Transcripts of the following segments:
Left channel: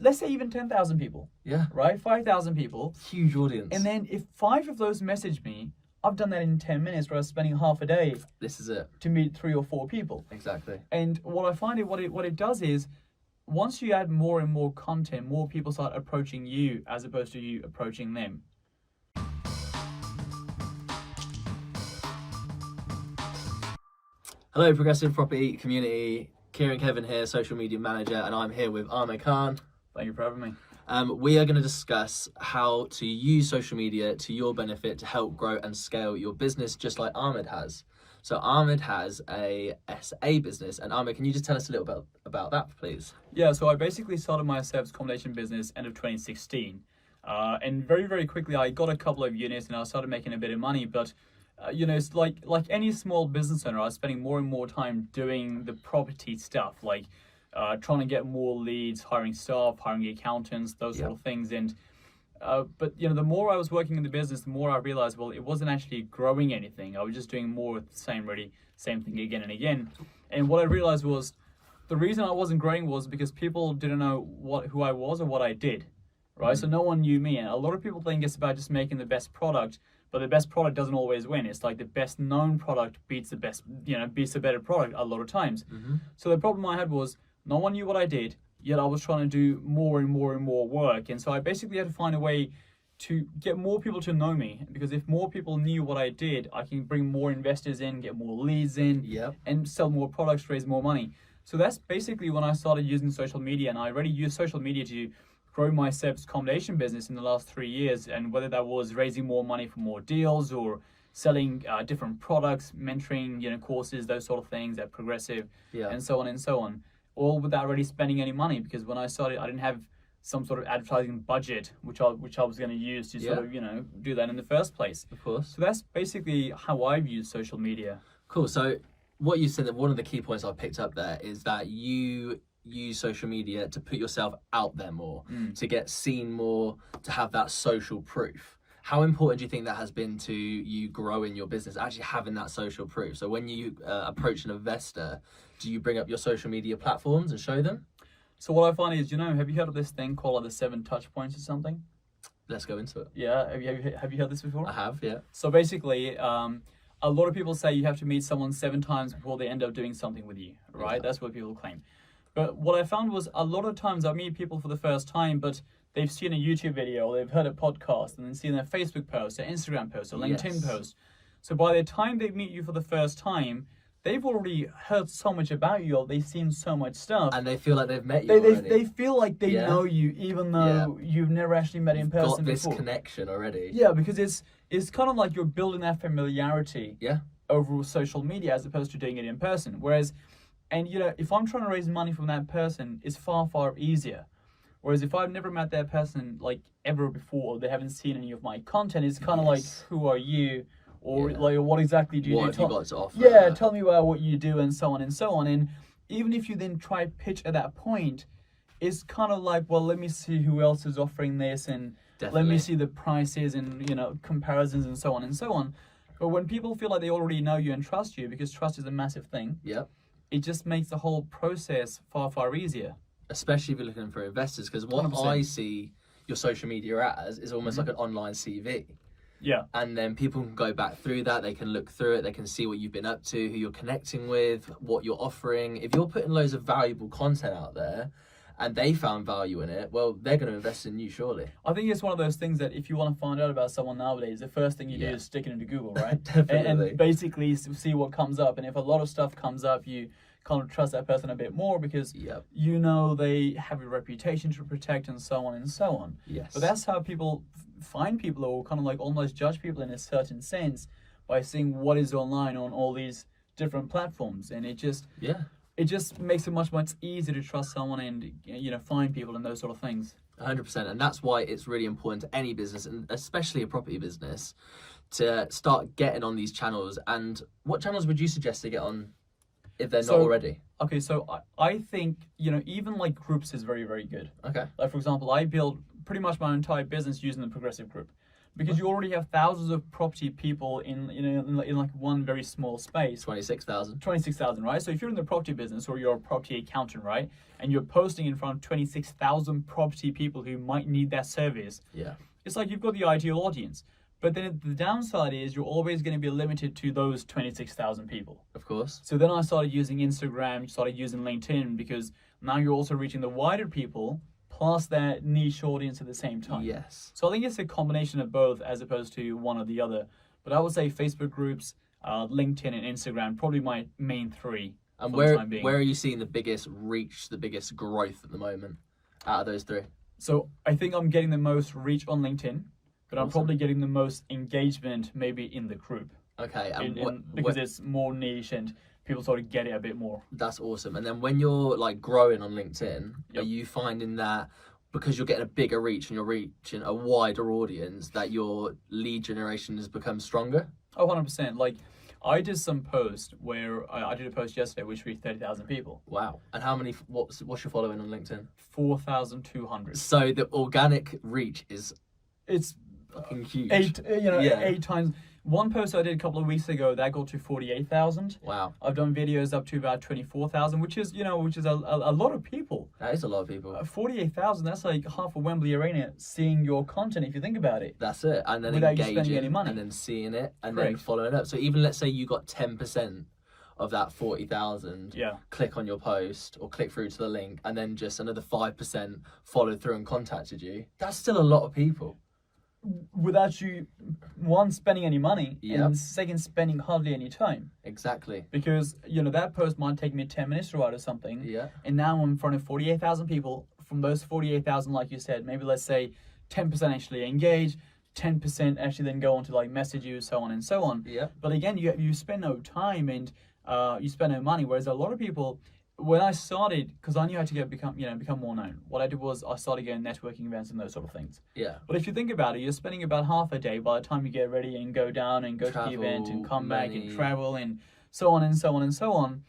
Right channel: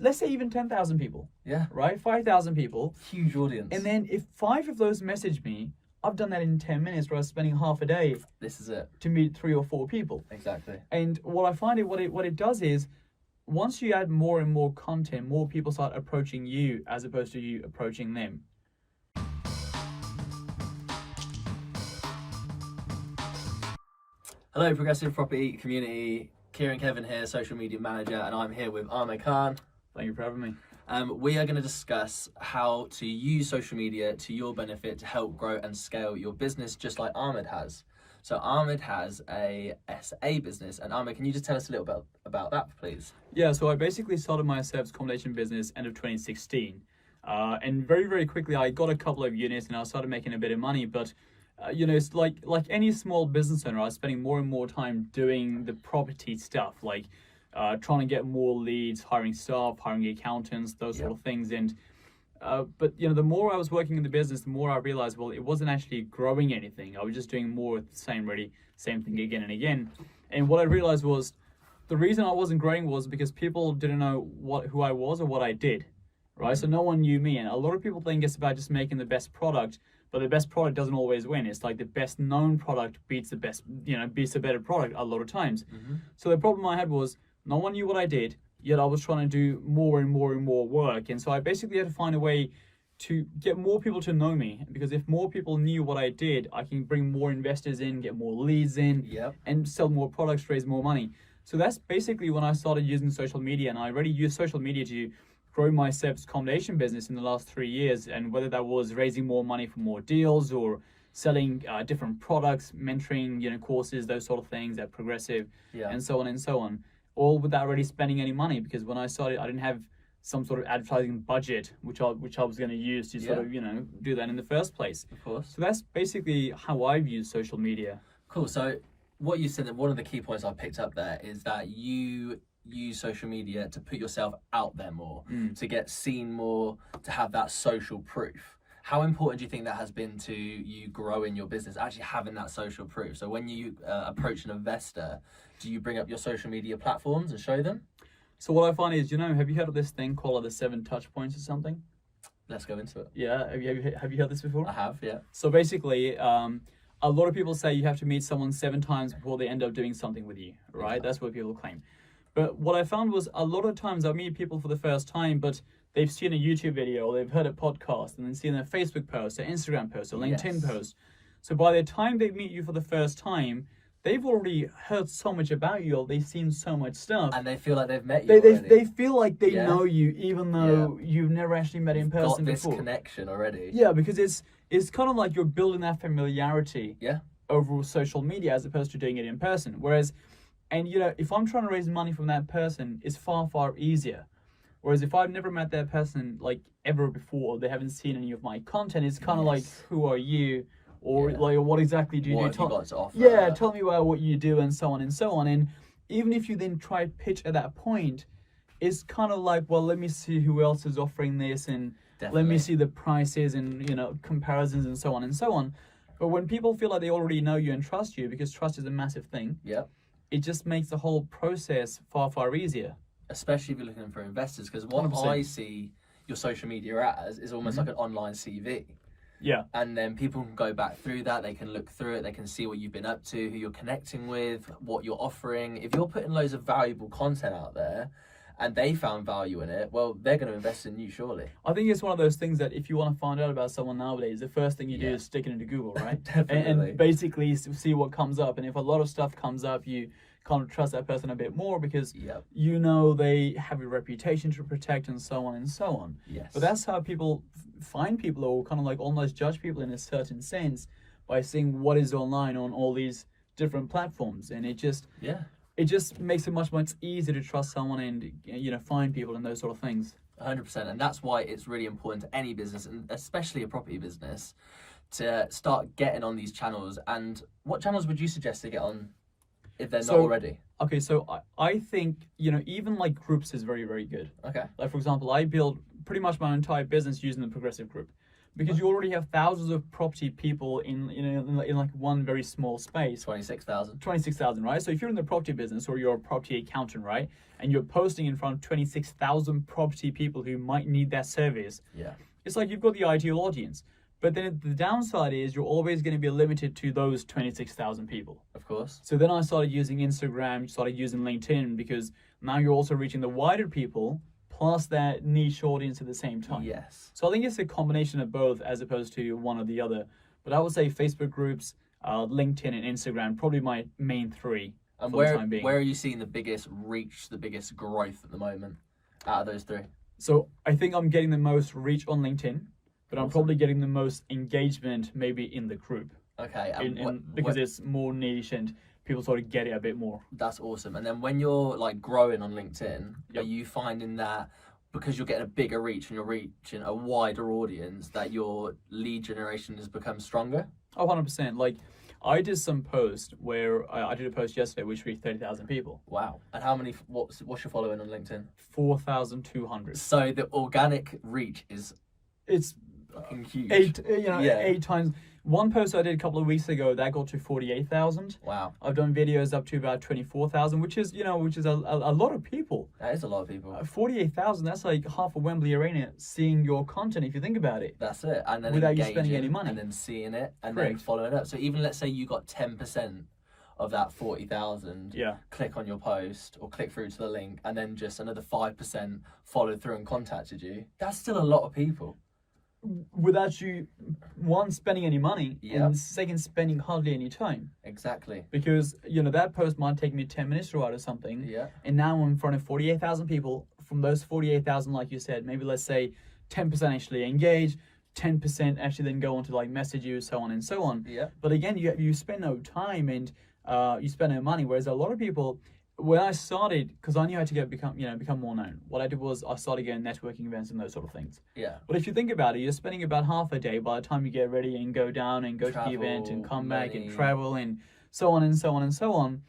let's say even 10,000 people. Yeah. Right? 5,000 people. Huge audience. And then if 5 of those message me, I've done that in 10 minutes where I was spending half a day. This is it. To meet 3 or 4 people. Exactly. And what I find what it does is, once you add more and more content, more people start approaching you as opposed to you approaching them. Hello, Progressive Property Community. Kieran Kevin here, Social Media Manager, and I'm here with Ahmed Khan. Thank you for having me. We are going to discuss how to use social media to your benefit to help grow and scale your business, just like Ahmed has. So Ahmed has a SA business, and Ahmed, can you just tell us a little bit about that, please? Yeah, so I basically started my service accommodation business end of 2016. And very, very quickly, I got a couple of units and I started making a bit of money, but it's like any small business owner, I was spending more and more time doing the property stuff, like trying to get more leads, hiring staff, hiring accountants, those sort of things. And but the more I was working in the business, the more I realized, well, it wasn't actually growing anything. I was just doing more of the same thing again and again. And what I realized was the reason I wasn't growing was because people didn't know who I was or what I did, right? So no one knew me. And a lot of people think it's about just making the best product, but the best product doesn't always win. It's like the best known product beats the better product a lot of times. So the problem I had was no one knew what I did, yet I was trying to do more and more and more work. And so I basically had to find a way to get more people to know me, because if more people knew what I did, I can bring more investors in, get more leads in, and sell more products, raise more money. So that's basically when I started using social media, and I already use social media to grow my service accommodation business in the last 3 years. And whether that was raising more money for more deals or selling different products, mentoring, courses, those sort of things at Progressive, and so on and so on, all without really spending any money, because when I started, I didn't have some sort of advertising budget, which I was going to use to sort of, do that in the first place. Of course. So that's basically how I've used social media. Cool. So what you said, that one of the key points I picked up there is that you use social media to put yourself out there more, to get seen more, to have that social proof. How important do you think that has been to you growing your business, actually having that social proof? So when you approach an investor, do you bring up your social media platforms and show them? So what I find is, have you heard of this thing called the 7 touchpoints or something? Let's go into it. Yeah, have you heard this before? I have, yeah. So basically, a lot of people say you have to meet someone 7 times before they end up doing something with you, right? Yeah. That's what people claim. But what I found was a lot of times I meet people for the first time, but they've seen a YouTube video, or they've heard a podcast, and then seen a Facebook post, an Instagram post, a LinkedIn post. So by the time they meet you for the first time, they've already heard so much about you, or they've seen so much stuff. And they feel like they've met you They feel like they know you, even though you've never actually met in person before. Got this connection already. Yeah, because it's kind of like you're building that familiarity over social media as opposed to doing it in person. Whereas, and if I'm trying to raise money from that person, it's far, far easier. Whereas if I've never met that person like ever before, or they haven't seen any of my content, it's kind of like, who are you? Or like, what exactly do you do? What have you got to offer? Tell me about what you do, and so on and so on. And even if you then try pitch at that point, it's kind of like, well, let me see who else is offering this, and let me see the prices and comparisons and so on and so on. But when people feel like they already know you and trust you, because trust is a massive thing, it just makes the whole process far, far easier. Especially if you're looking for investors, because what 100%. I see your social media as is almost like an online CV. Yeah. And then people can go back through that, they can look through it, they can see what you've been up to, who you're connecting with, what you're offering. If you're putting loads of valuable content out there and they found value in it, well, they're going to invest in you, surely. I think it's one of those things that if you want to find out about someone nowadays, the first thing you do is stick it into Google, right? Definitely. And basically see what comes up. And if a lot of stuff comes up, you kind of trust that person a bit more, because they have a reputation to protect, and so on and so on. Yes. But that's how people find people, or kind of like almost judge people in a certain sense, by seeing what is online on all these different platforms. And it just makes it much, much easier to trust someone and find people and those sort of things. 100%. And that's why it's really important to any business, and especially a property business, to start getting on these channels. And what channels would you suggest to get on if they're not already? Okay, so I think, even like groups is very, very good. Okay. Like, for example, I built pretty much my entire business using the Progressive group, because you already have thousands of property people in like one very small space. 26,000. 26,000, right? So if you're in the property business or you're a property accountant, right, and you're posting in front of 26,000 property people who might need that service, Yeah. it's like you've got the ideal audience. But then the downside is you're always going to be limited to those 26,000 people. Of course. So then I started using Instagram, started using LinkedIn, because now you're also reaching the wider people plus that niche audience at the same time. Yes. So I think it's a combination of both as opposed to one or the other. But I would say Facebook groups, LinkedIn and Instagram, probably my main three. And for the time being. where are you seeing the biggest reach, the biggest growth at the moment out of those three? So I think I'm getting the most reach on LinkedIn, but I'm Awesome. probably getting the most engagement maybe in the group. Okay. And Because it's more niche and people sort of get it a bit more. that's awesome. And then when you're like growing on LinkedIn, Yep. are you finding that because you're getting a bigger reach and you're reaching a wider audience that your lead generation has become stronger? Oh, 100%. Like, I did some post where I did a post yesterday which reached 30,000 people. Wow. And how many, what's your following on LinkedIn? 4,200. So the organic reach is It's fucking huge. eight times. One post I did a couple of weeks ago that got to 48,000. Wow. I've done videos up to about 24,000, which is a lot of people. That is a lot of people. 48,000, that's like half a Wembley Arena seeing your content if you think about it. That's it. And then Without you engaging, spending any money. and then seeing it, and then Correct. following up. So even let's say you got 10% of that 40,000 Yeah. click on your post or click through to the link, and then just another 5% followed through and contacted you. That's still a lot of people. Without you, one, spending any money, Yeah. and second, spending hardly any time. Exactly. Because, that post might take me 10 minutes to write or something. Yeah. And now I'm in front of 48,000 people. From those 48,000, like you said, maybe let's say 10% actually engage, 10% actually then go on to like message you, so on and so on. Yeah. But again, you spend no time and you spend no money. Whereas a lot of people, when I started, because I knew how to become more known, what I did was I started going networking events and those sort of things. Yeah. But if you think about it, you're spending about half a day by the time you get ready and go down and go to the event and come back and money. travel and so on and so on and so on.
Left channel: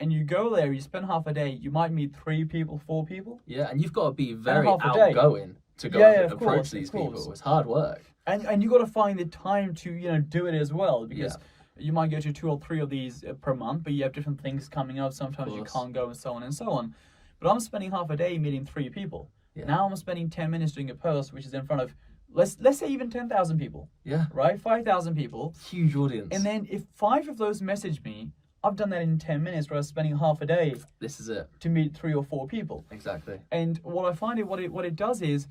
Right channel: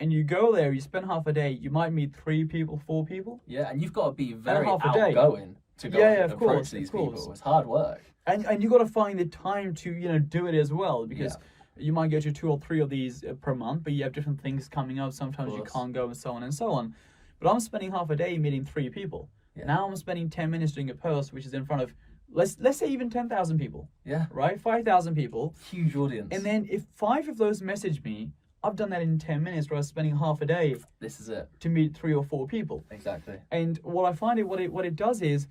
And you go there, you spend half a day, you might meet 3 people, 4 people. Yeah, and you've got to be very half a day. outgoing to go Yeah, and of approach course, these of course. people. It's hard work. And you got to find the time to, do it as well, because you might go to 2 or 3 of these per month, but you have different things coming up. Sometimes you course. can't go and so on and so on. But I'm spending half a day meeting 3 people. Yeah. Now I'm spending 10 minutes doing a post, which is in front of, let's say even 10,000 people, Yeah. right? 5,000 people. Huge audience. And then if 5 of those message me, I've done that in 10 minutes, where I was spending half a day This is it. to meet 3 or 4 people. Exactly. And what I find what it does is,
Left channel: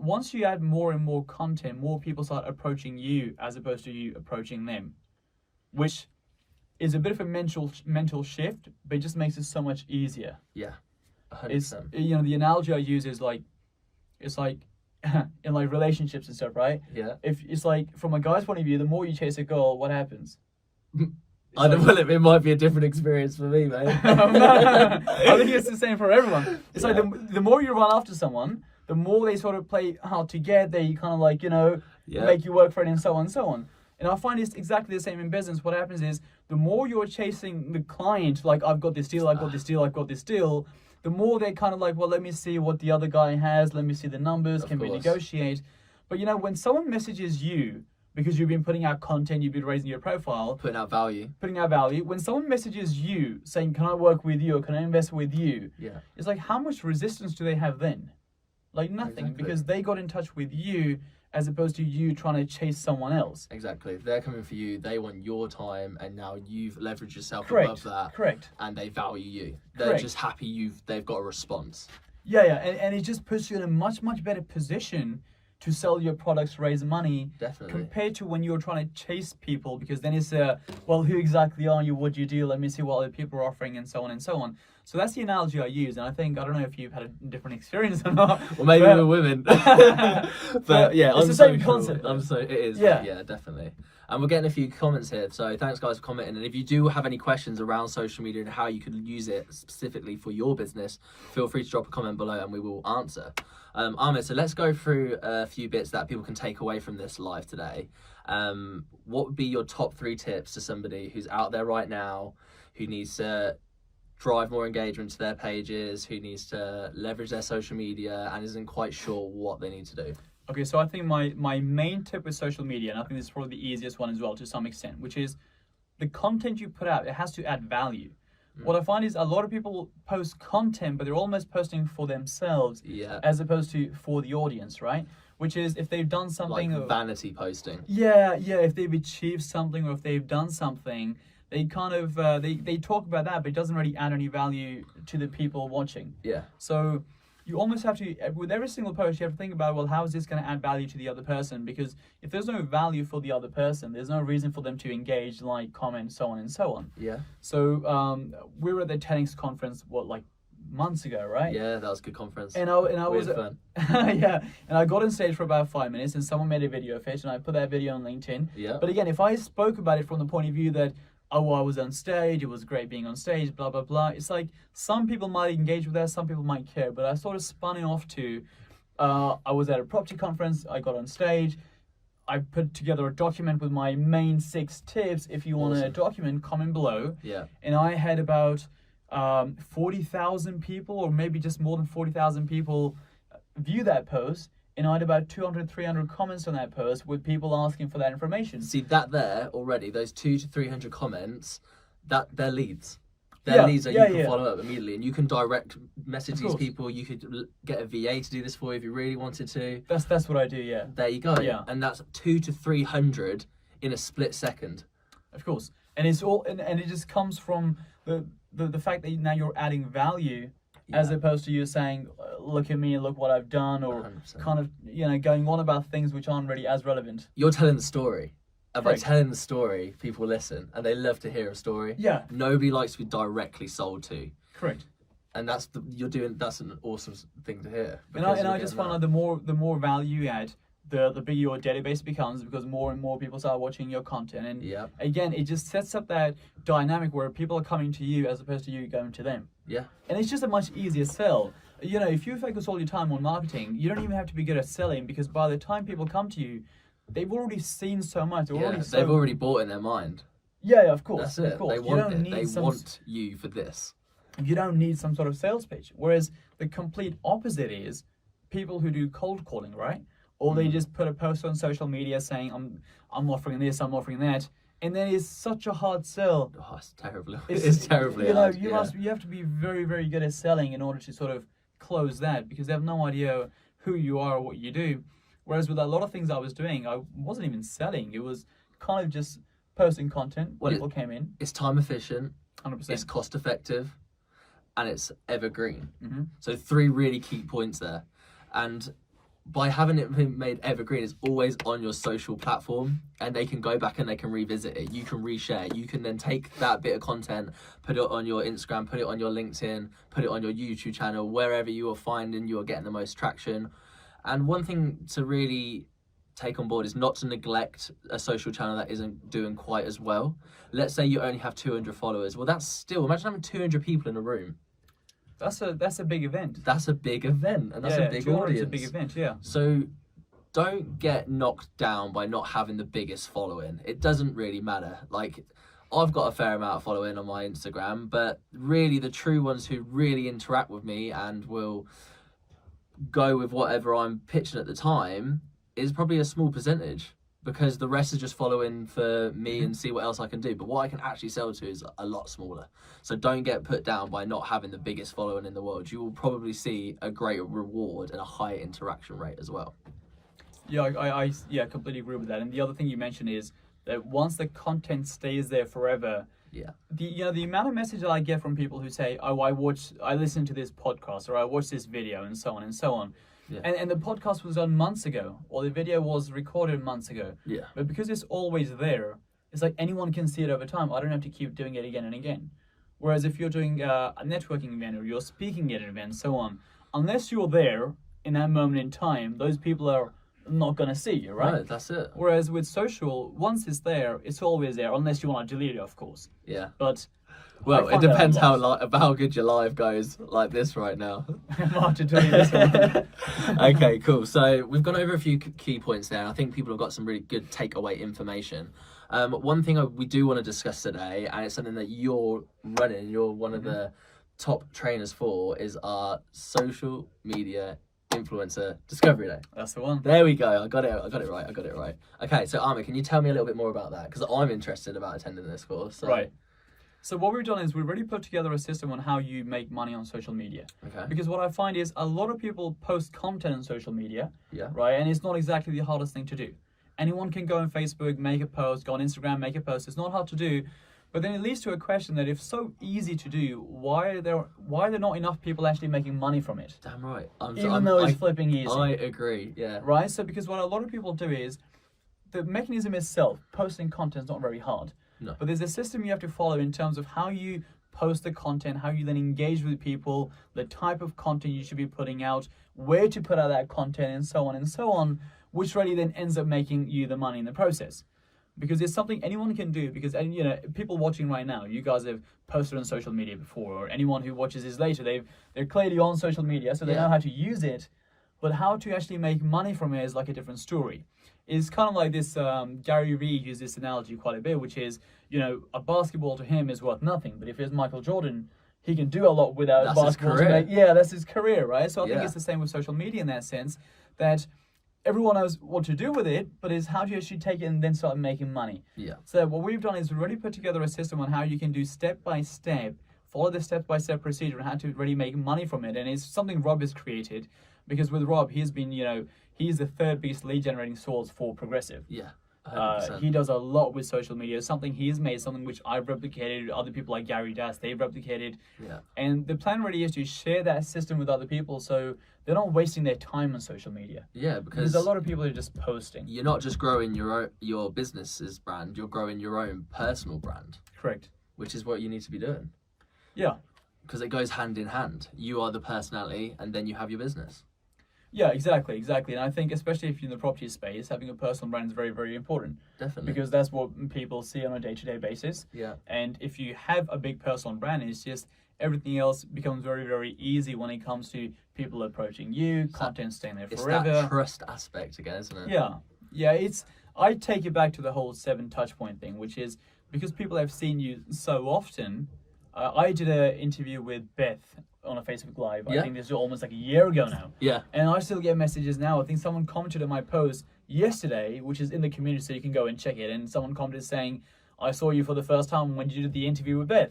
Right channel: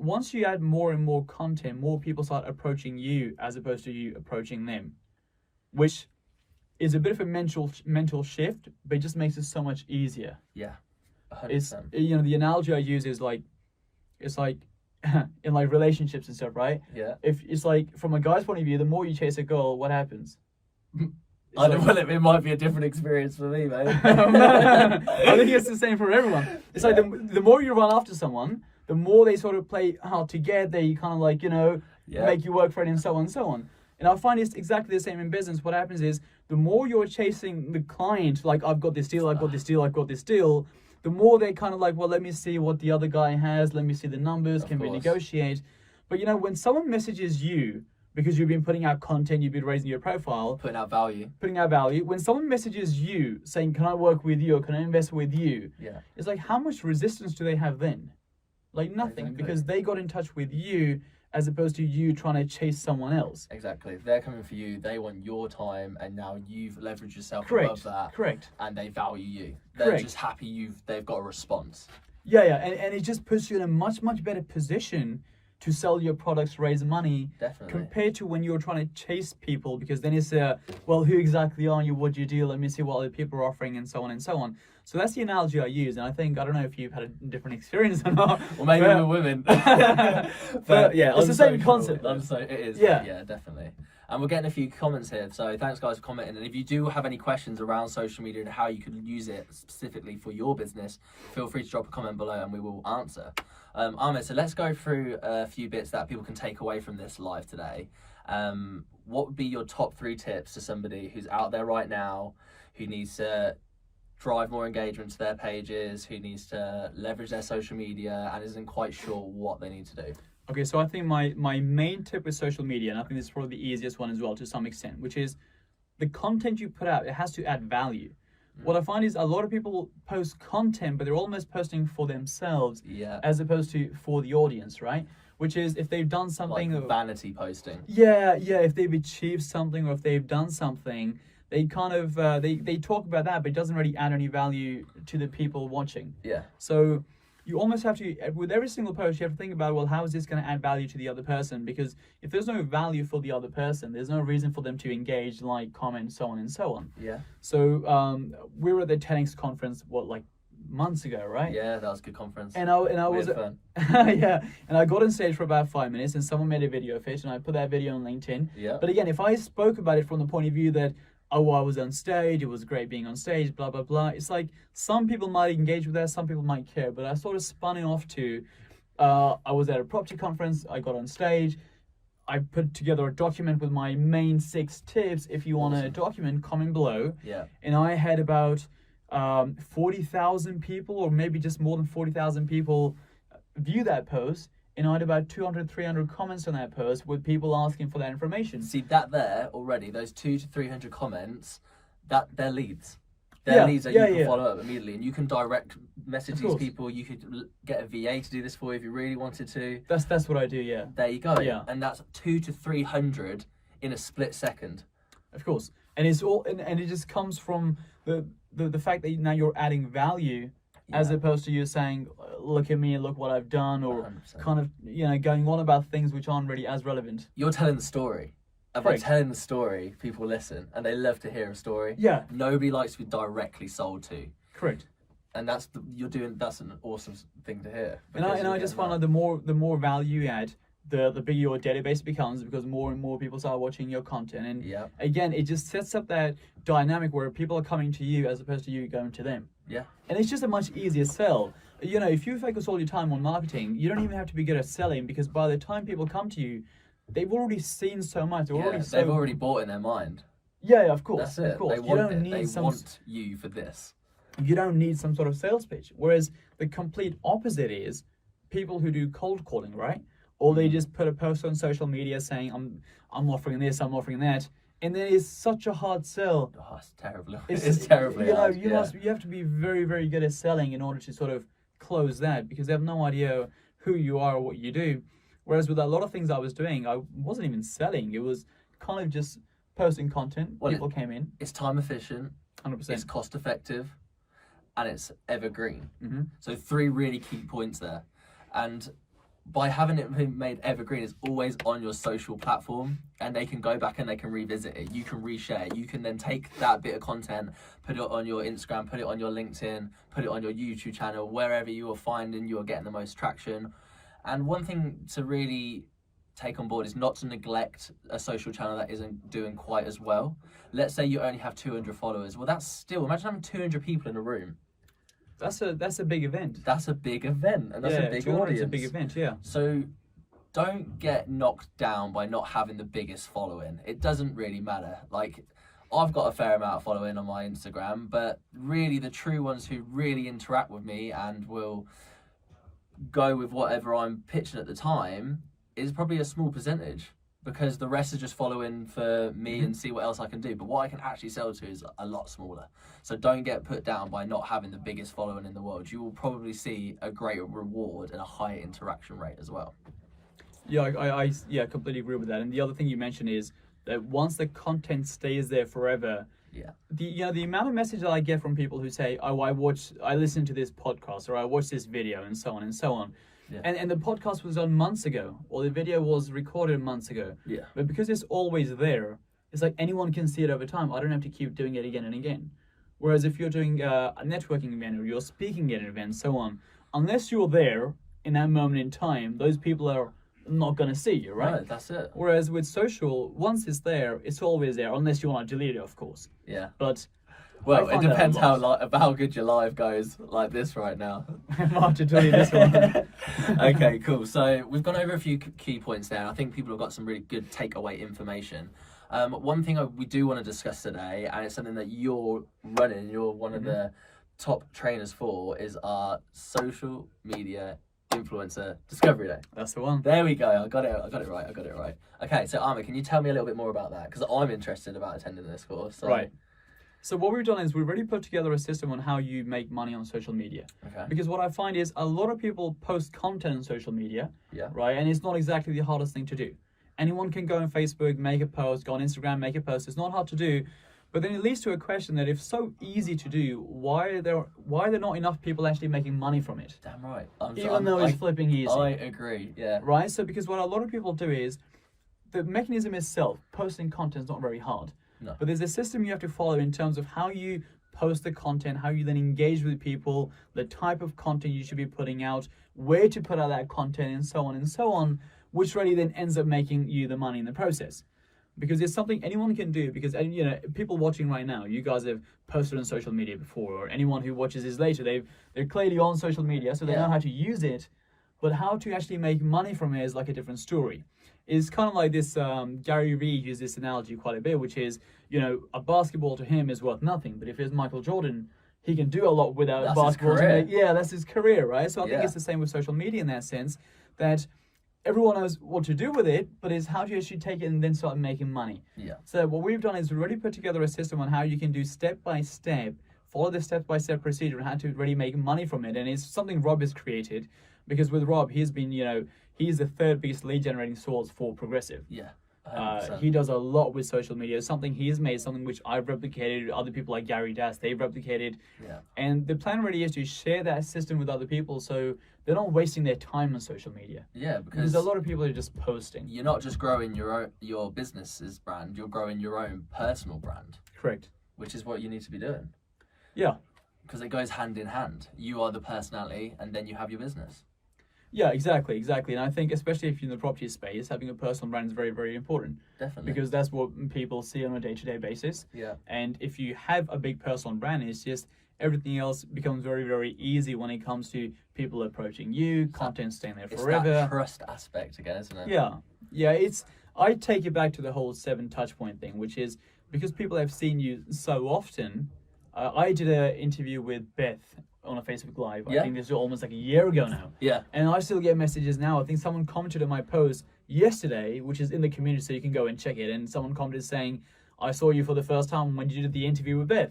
once you add more and more content, more people start approaching you as opposed to you approaching them, which is a bit of a mental shift, but it just makes it so much easier. Yeah. 100%. It's the analogy I use is like, it's like in like relationships and stuff, right? Yeah. If it's like from a guy's point of view, the more you chase a girl, what happens? I don't know, it might be a different experience for me, mate. I think it's the same for everyone. It's like Yeah. the more you run after someone, the more they sort of play hard to get. They kind of like, Yeah. make you work for it and so on and so on. And I find it's exactly the same in business. What happens is the more you're chasing the client, like I've got this deal, I've got this deal, I've got this deal, the more they kind of like, well, let me see what the other guy has, let me see the numbers, Of can we course. negotiate? But when someone messages you, because you've been putting out content, you've been raising your profile, Putting out value. when someone messages you saying, can I work with you or can I invest with you? Yeah. It's like, how much resistance do they have then? Like nothing, Exactly. because they got in touch with you as opposed to you trying to chase someone else. Exactly. They're coming for you. They want your time, and now you've leveraged yourself Correct. above that, Correct. and they value you. They're Correct. just happy they've got a response. Yeah, and it just puts you in a much, much better position to sell your products, raise money, Definitely. compared to when you're trying to chase people, because then it's well, who exactly are you? What do you do? Let me see what other people are offering, and so on and so on. So that's the analogy I use, and I don't know if you've had a different experience or not. Well, maybe but- we're women. But yeah, it's on the same social, concept, though. It is. Yeah. Yeah, definitely. And we're getting a few comments here, so thanks guys for commenting. And if you do have any questions around social media and how you can use it specifically for your business, feel free to drop a comment below and we will answer. Ahmed, so let's go through a few bits that people can take away from this live today. What would be your top 3 tips to somebody who's out there right now, who needs to drive more engagement to their pages, who needs to leverage their social media and isn't quite sure what they need to do? Okay, so I think my main tip with social media, and I think this is probably the easiest one as well to some extent, which is the content you put out, it has to add value. What I find is a lot of people post content, but they're almost posting for themselves as opposed to for the audience, right? Which is if they've done something... Like vanity posting. Yeah, if they've achieved something or if they've done something, they kind of, they talk about that, but it doesn't really add any value to the people watching. Yeah. So you almost have to, with every single post, you have to think about, well, how is this going to add value to the other person? Because if there's no value for the other person, there's no reason for them to engage, like, comment, so on and so on. Yeah. So we were at the TEDx conference, like months ago, right? Yeah, that was a good conference. And I was fun. yeah, and I got on stage for about 5 minutes, and someone made a video of it, and I put that video on LinkedIn. Yeah. But again, if I spoke about it from the point of view that, oh, I was on stage, it was great being on stage, blah, blah, blah. It's like some people might engage with that, some people might care, but I sort of spun it off to, I was at a property conference, I got on stage, I put together a document with my main 6 tips. If you want a document, comment below. Yeah. And I had about 40,000 people, or maybe just more than 40,000 people view that post. And I had about 200, 300 comments on that post with people asking for that information. See that there already, those 200 to 300 comments, they're leads. They're leads that you can follow up immediately, and you can direct message these people. You could get a VA to do this for you if you really wanted to. That's what I do. Yeah. There you go. Yeah. And that's 200 to 300 in a split second. Of course, and it's all, and it just comes from the fact that now you're adding value. As opposed to you saying, look at me, look what I've done, or 100%. kind of, going on about things which aren't really as relevant. You're telling the story. And by Correct. telling the story, people listen, and they love to hear a story. Yeah. Nobody likes to be directly sold to. Correct. And that's an awesome thing to hear. And I just find like the more value you add, the bigger your database becomes, because more and more people start watching your content. And again, it just sets up that dynamic where people are coming to you as opposed to you going to them. Yeah. And it's just a much easier sell. If you focus all your time on marketing, you don't even have to be good at selling, because by the time people come to you, they've already seen so much. They've already bought in their mind. Yeah, of course. That's it. Of course. They want you for this. You don't need some sort of sales pitch. Whereas the complete opposite is people who do cold calling, right? Or they just put a post on social media saying, I'm offering this, I'm offering that. And then it's such a hard sell. Oh, it's terrible. It's terribly hard. You have to be very, very good at selling in order to sort of close that, because they have no idea who you are or what you do. Whereas with a lot of things I was doing, I wasn't even selling. It was kind of just posting content. People came in. It's time efficient. 100%. It's cost effective. And it's evergreen. Mm-hmm. So 3 really key points there. And by having it made evergreen, it's always on your social platform, and they can go back and they can revisit it. You can reshare it. You can then take that bit of content, put it on your Instagram, put it on your LinkedIn, put it on your YouTube channel, wherever you are finding you are getting the most traction. And one thing to really take on board is not to neglect a social channel that isn't doing quite as well. Let's say you only have 200 followers. Well, that's still, imagine having 200 people in a room. That's a big event. That's a big event, and that's a big audience. It's a big event, yeah. So don't get knocked down by not having the biggest following. It doesn't really matter. Like, I've got a fair amount of following on my Instagram, but really the true ones who really interact with me and will go with whatever I'm pitching at the time is probably a small percentage, because the rest is just following for me and see what else I can do. But what I can actually sell to is a lot smaller. So don't get put down by not having the biggest following in the world. You will probably see a greater reward and a higher interaction rate as well. Yeah, I completely agree with that. And the other thing you mentioned is that once the content stays there forever, the amount of message that I get from people who say, oh, I listened to this podcast, or I watched this video, and so on and so on. Yeah. And the podcast was done months ago, or the video was recorded months ago. Yeah. But because it's always there, it's like anyone can see it over time. I don't have to keep doing it again and again. Whereas if you're doing a networking event, or you're speaking at an event, so on, unless you're there in that moment in time, those people are not going to see you, right? Right, that's it. Whereas with social, once it's there, it's always there, unless you want to delete it, of course. Yeah. But well, it depends how good your live goes, like this right now. Hard to delete this one. Okay, cool. So we've gone over a few key points there. I think people have got some really good takeaway information. One thing we do want to discuss today, and it's something that you're running, you're one of the top trainers for, is our social media Influencer Discovery Day. That's the one. There we go. I got it right. Okay, so Ahmed, can you tell me a little bit more about that? Because I'm interested about attending this course. So. Right. So what we've done is we've already put together a system on how you make money on social media. Okay. Because what I find is a lot of people post content on social media, Yeah. right? And it's not exactly the hardest thing to do. Anyone can go on Facebook, make a post, go on Instagram, make a post. It's not hard to do. But then it leads to a question that if so easy to do, why are there not enough people actually making money from it? Damn right. Even though it's flipping easy. I agree, yeah. Right? So because what a lot of people do is, the mechanism itself, posting content is not very hard. No. But there's a system you have to follow in terms of how you post the content, how you then engage with people, the type of content you should be putting out, where to put out that content, and so on, which really then ends up making you the money in the process. Because it's something anyone can do, because, you know, people watching right now, you guys have posted on social media before, or anyone who watches this later, they're clearly on social media, so they know how to use it, but how to actually make money from it is like a different story. It's kind of like this, Gary Vee used this analogy quite a bit, which is, you know, a basketball to him is worth nothing, but if it's Michael Jordan, he can do a lot without that's basketball his to career. make, that's his career, right? So I think it's the same with social media in that sense, that everyone knows what to do with it, but it's how do you actually take it and then start making money. Yeah. So what we've done is we've already put together a system on how you can do step by step, follow the step by step procedure and how to really make money from it. And it's something Rob has created, because with Rob, he's been, you know, he's the third biggest lead generating source for Progressive. Yeah. He does a lot with social media. It's something he has made, something which I've replicated, other people like Gary Das, they've replicated. Yeah. And the plan really is to share that system with other people so they're not wasting their time on social media. Yeah, Because a lot of people are just posting. you're not just growing your business's brand, you're growing your own personal brand, Correct. which is what you need to be doing. Yeah. Because it goes hand in hand. You are the personality, and then you have your business. Yeah, exactly. And I think especially if you're in the property space, having a personal brand is very, very important. Definitely. Because that's what people see on a day-to-day basis. Yeah. And if you have a big personal brand, it's just everything else becomes very, very easy when it comes to people approaching you, content staying there It's forever. that trust aspect again, isn't it? Yeah. I take it back to the whole 7 touch point thing, which is because people have seen you so often. I did an interview with Beth on a Facebook Live. I think this is almost like a year ago now. Yeah. And I still get messages now. I think someone commented on my post yesterday, which is in the community, so you can go and check it. And someone commented saying, I saw you for the first time when you did the interview with Beth.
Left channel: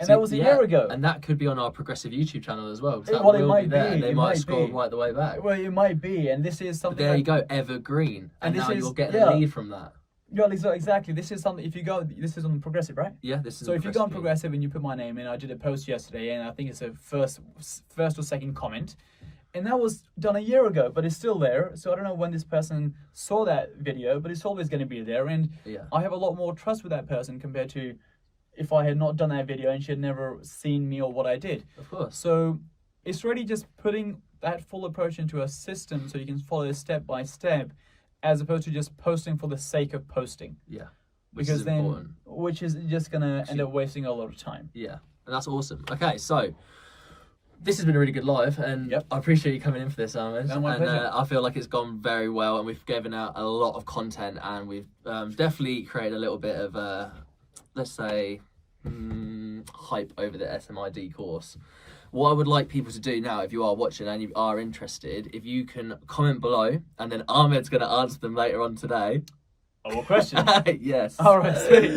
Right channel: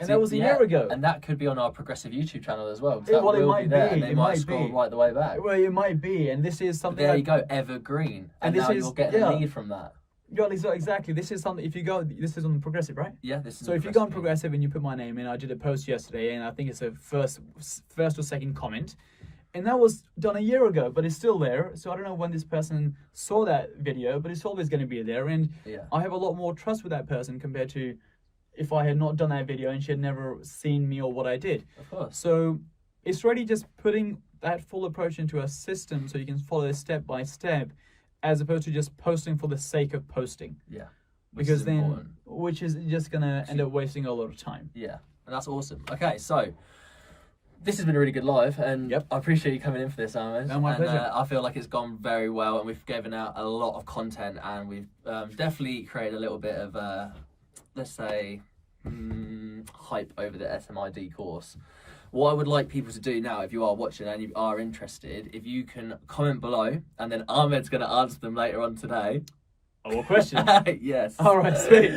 And that was a year ago. And that could be on our Progressive YouTube channel as well. Well, it might be. And they It might might scroll be. right the way back. Well, it might be. And this is But something there you go, evergreen. And this now is- you're getting a lead from that. Yeah, exactly. This is something, if you go, this is on Progressive, right? Yeah, this is So if you go on Progressive and you put my name in, I did a post yesterday, and I think it's a first or second comment, and that was done a year ago, but it's still there. So I don't know when this person saw that video, but it's always going to be there, and I have a lot more trust with that person compared to if I had not done that video and she had never seen me or what I did. Of course. So it's really just putting that full approach into a system so you can follow it step by step, as opposed to just posting for the sake of posting. Yeah. Which is just going to end up wasting a lot of time. Yeah. And that's awesome. Okay, so this has been a really good live, and I appreciate you coming in for this, Ahmed. No, my pleasure. I feel like it's gone very well, and we've given out a lot of content, and we've definitely created a little bit of, let's say, hype over the SMID course. What I would like people to do now, if you are watching and you are interested, if you can comment below, and then Ahmed's going to answer them later on today. Oh, what question? Yes. All right, sweet.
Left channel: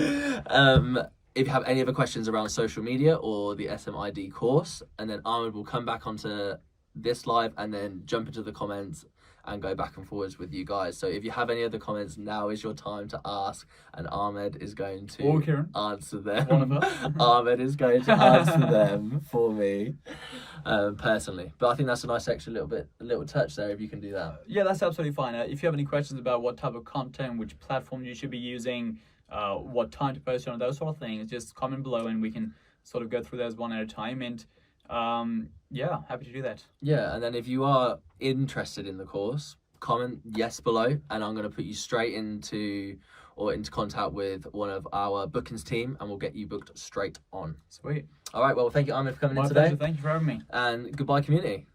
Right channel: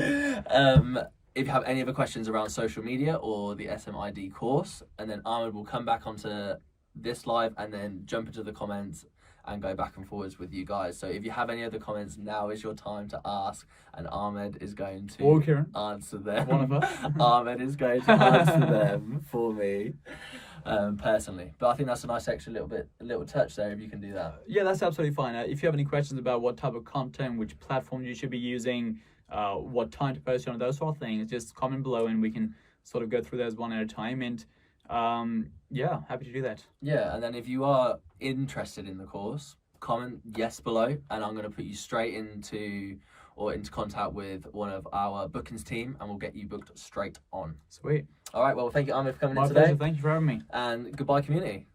If you have any other questions around social media or the SMID course, and then Ahmed will come back onto this live and then jump into the comments and go back and forwards with you guys. So if you have any other comments, now is your time to ask, and Ahmed is going to answer them. One of us. Ahmed is going to answer them for me personally. But I think that's a nice extra little touch there if you can do that. Yeah, that's absolutely fine. If you have any questions about what type of content, which platform you should be using, what time to post on, those sort of things, just comment below and we can sort of go through those one at a time. And yeah, happy to do that. Yeah, and then if you are interested in the course, comment yes below, and I'm going to put you straight into contact with one of our bookings team, and we'll get you booked straight on. Sweet. All right, well, thank you, Ahmed, for coming in My pleasure. today. Thank you for having me. And goodbye, community.